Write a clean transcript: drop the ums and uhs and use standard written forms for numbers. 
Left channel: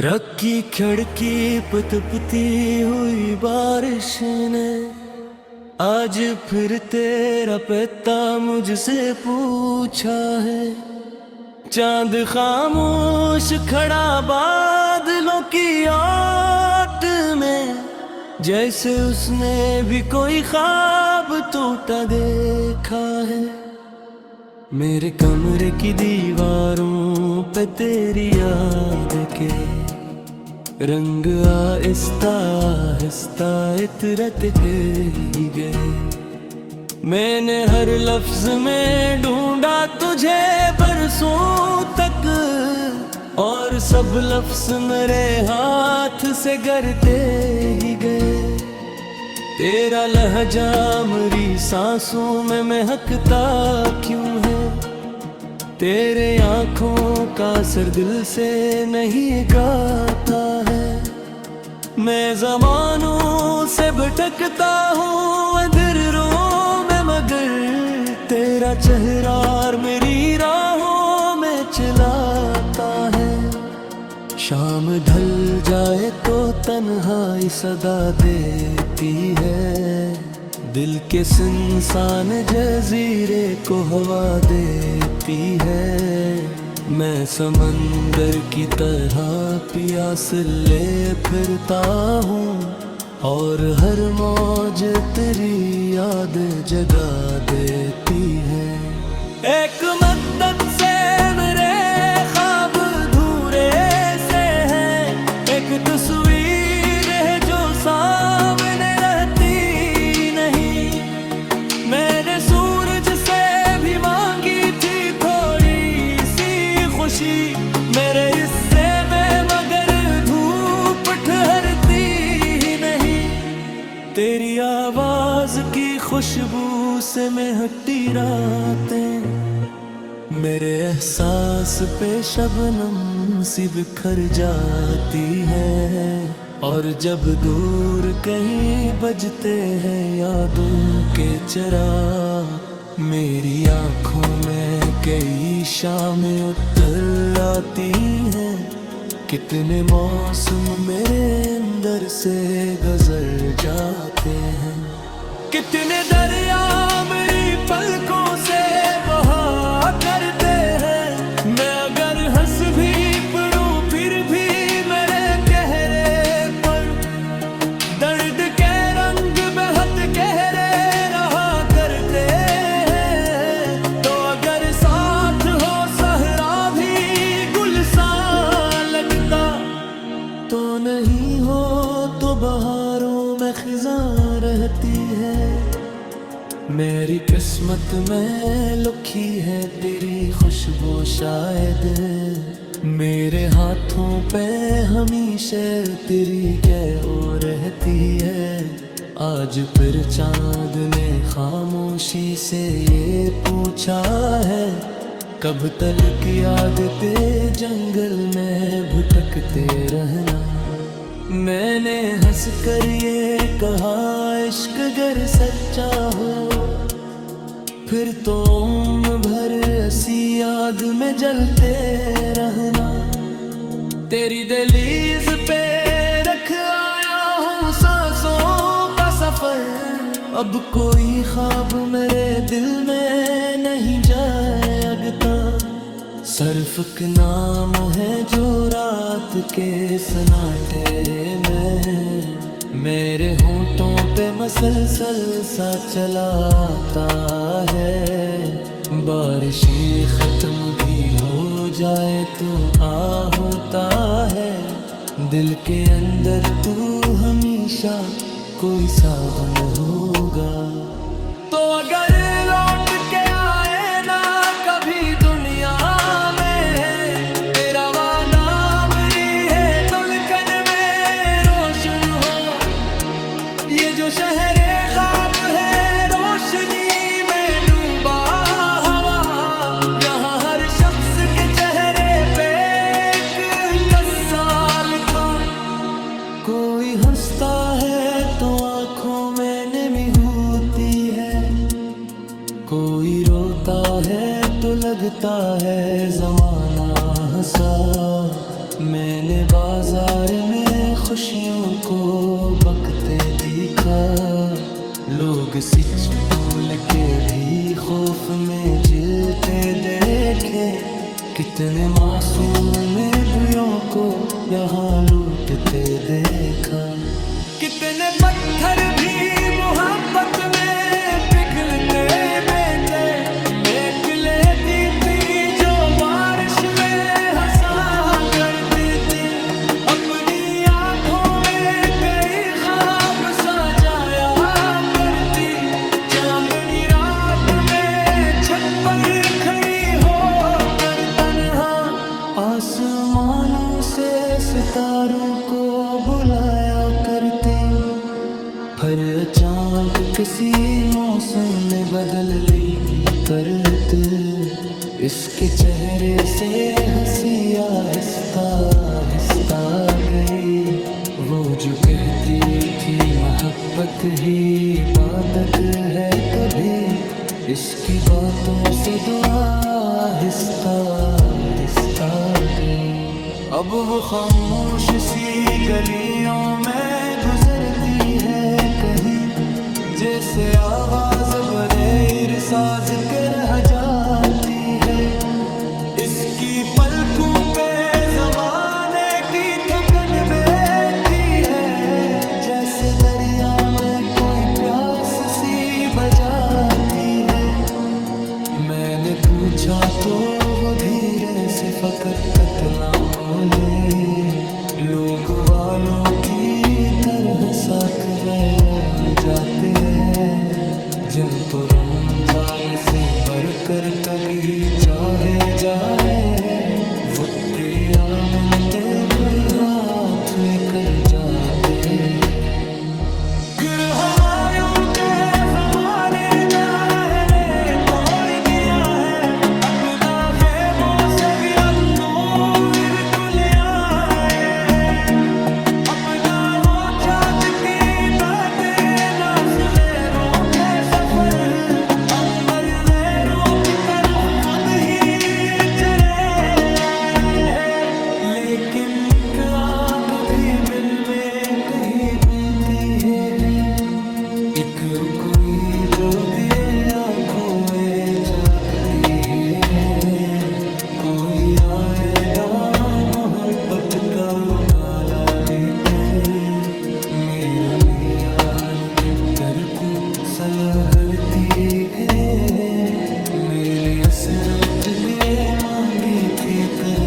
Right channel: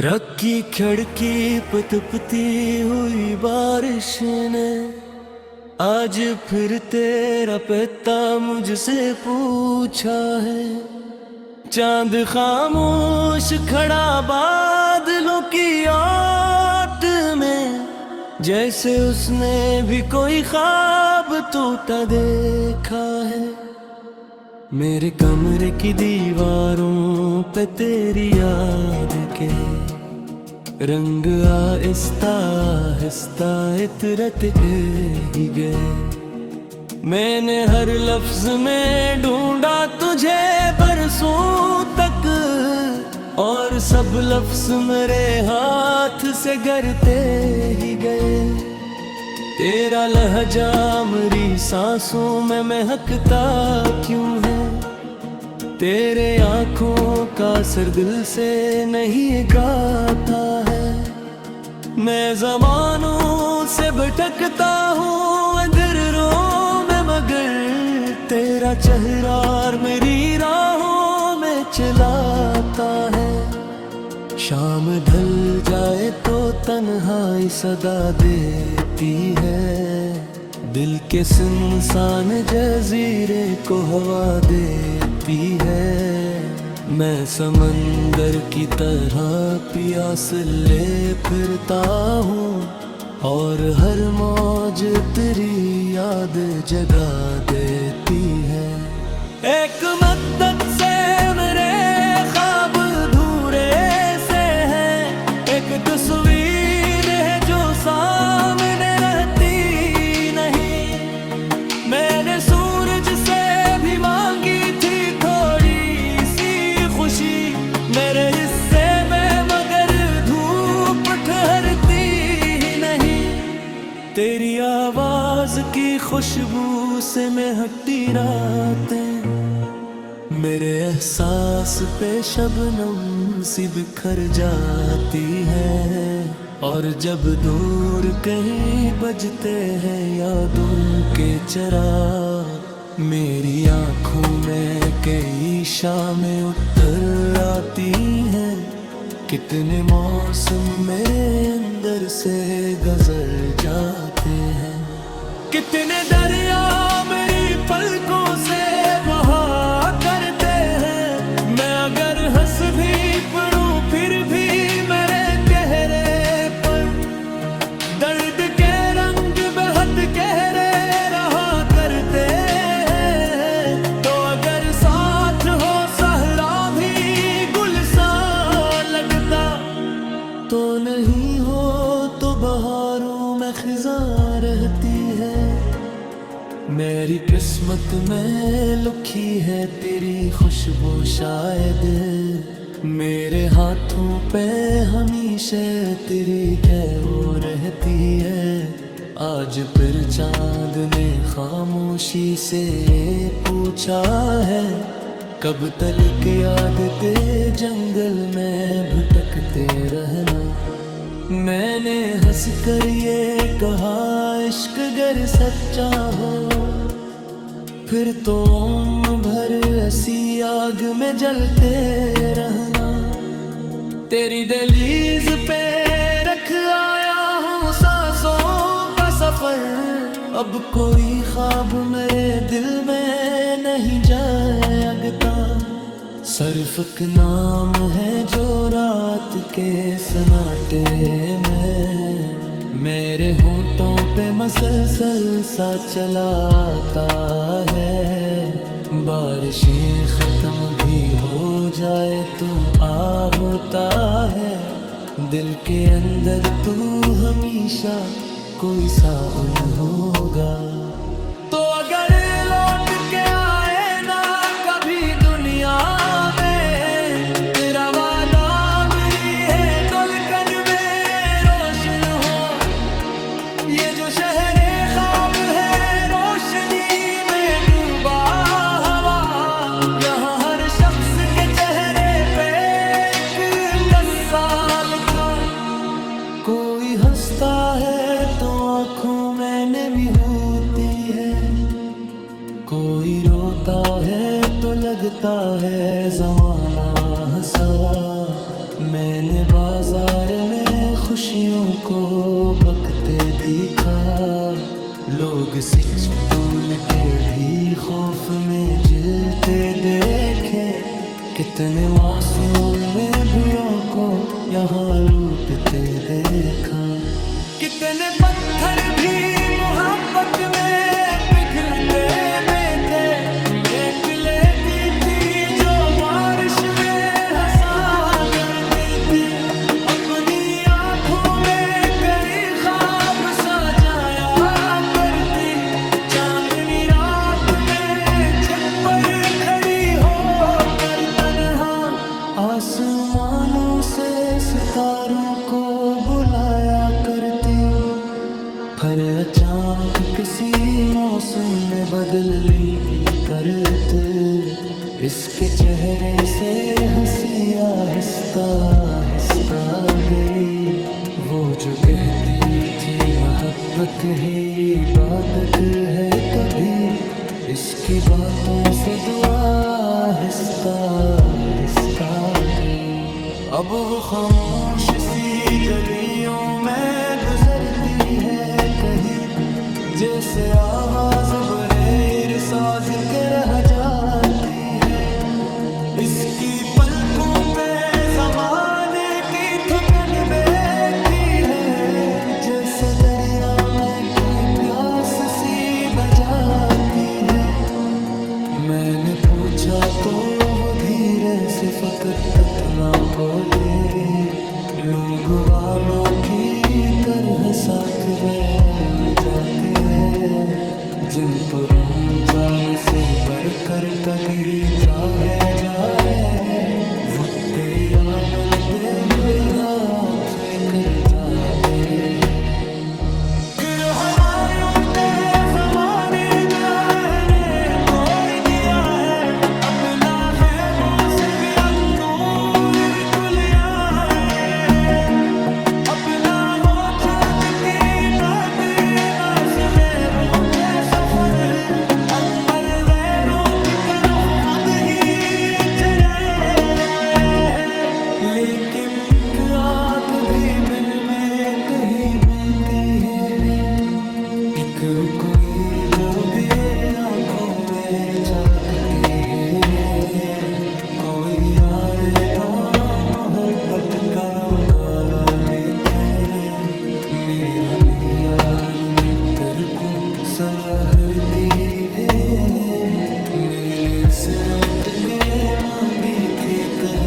रखी खिड़की पे तपती हुई बारिश ने आज फिर तेरा पिता मुझसे पूछा है। चांद खामोश खड़ा बादलों की आट में, जैसे उसने भी कोई ख्वाब टूटा देखा है। मेरे कमरे की दीवारों पे तेरी याद के रंग आहिस्ता आहिस्ता इतरते ही गए। मैंने हर लफ्ज में ढूंढा तुझे बरसों तक, और सब लफ्ज मेरे हाथ से गिरते ही गए। तेरा लहजा मेरी सांसों में महकता क्यों है? तेरे आंखों का असर दिल से नहीं गाता है। मैं ज़मानों से भटकता हूँ अंधेरों में, मगर तेरा चेहरा मेरी राहों में चिल्लाता है। शाम ढल जाए तो तन्हाई सदा देती है, दिल के सुनसान जजीरे को हवा देती है। मैं समंदर की तरह प्यास ले फिरता हूँ, और हर मौज तेरी याद जगा देती है। एक मद्दत से मेरे ख्वाब एक तस्वीर है जो सामने रहती नहीं। मैंने सूरज से भी मांगी थी थोड़ी सी खुशी मेरे हिस्से में, मगर धूप ठहरती ही नहीं। तेरी आवाज की खुशबू से महकती रातें मेरे एहसास पे शबनम सी बिखर जाती है। और जब दूर कहीं बजते हैं यादों के चिराग, मेरी आंखों में कई शामें उतर आती हैं। कितने मौसम मेरे अंदर से गुजर जाते हैं, कितने दरिया मेरी पलकों से बहा करते हैं। मैं अगर हंस भी पड़ूं फिर भी मेरे चेहरे पर दर्द के रंग बेहद गहरे रहा करते हैं। तो अगर साथ हो सहरा भी गुलसान लगता, तो नहीं हो तो बहारों में खिज़ां रहती है। मेरी किस्मत में लिखी है तेरी खुशबू शायद, मेरे हाथों पे हमेशा तेरी कैओ रहती है। आज फिर चांद ने खामोशी से ये पूछा है, कब तक याद ते जंगल में भटकते रहना। मैंने हंस कर ये कहा इश्क अगर सच्चा हो, फिर तो उम्र भर ऐसी आग में जलते रहना। तेरी दहलीज पे रख आया हूँ सांसों का सफर, अब कोई ख्वाब मेरे दिल में नहीं जागता। सर्फ नाम है जो रात के सन्नाटे में मेरे होंठों पे मसलसल सा चलाता है। बारिशें खत्म भी हो जाए तू आ होता है, दिल के अंदर तू हमेशा कोई सावन होगा। तो अगर लौट के आए ना कभी दुनिया में, तेरा वादा मेरी है दुल्हन में रोशन हो। ये जो शहरे ख्वाब है रोशनी में डूबा हवा, यहाँ हर शख्स के चेहरे पे एक कस्सा लिखा। कोई हंसता है तो आंखों में नमी होती है, कोई रोता है तो लगता है जमाना हंसा। मैंने बाजार में खुशियों को बकते देखा, लोग सच भूल के भी खौफ में जीते देखे। कितने मासूम दियों को यहाँ लूटते देखा, कितने पत्थर भी मोहब्बत में पिघलते देते। मेघ लेती थी जो बारिश में हंसा करती थी, अपनी आंखों में कई ख्वाब सजाया करती। चांदनी रात में छत पर खड़ी होकर तन्हा आसमानों से सितारों को बुलाया करती। पर अचानक किसी मौसम ने बदल ली करते, इसके चेहरे से हंसी आहिस्ता आहिस्ता गई। वो जो कहती थी मोहब्बत ही इबादत है कभी, इसकी बातों से दुआ आहिस्ता आहिस्ता गई। अब वो खामोश सी गलियों में गुजरती है कहीं, जैसे आवाज बरेर साज के रह जाती है। इसकी पलकों पे जमाने की थकन बैठी है, जैसे दरिया में कोई प्यास सी बजाती है। मैंने पूछा तो वो धीरे से फकत तकला बोले, लोग वालों की तरह साथ बदल जाते हैं। जिन तो रमजान से बढ़कर तभी चाहे जाए, वो आमिंदे वही हाथ निकल जाते हैं। फिर हमायूं के ज़माने ने तोड़ दिया है, अपना ख़ैमों से भी अंदूर खुल आए। अपना वो चाँद की बात नाज़ में रूठे सफ़र, अमर वैरू की तरफ खुद ही चले आए। लेकिन आग भी दिल में कहीं बहती है, एक कोई जो दिए आँखों में चाकती है। कोई आएदा मोहब्बत का उकाला लेके, मेरे लियान में तेरे को सलहरती है। मैंने असरत गए मांगी थी कल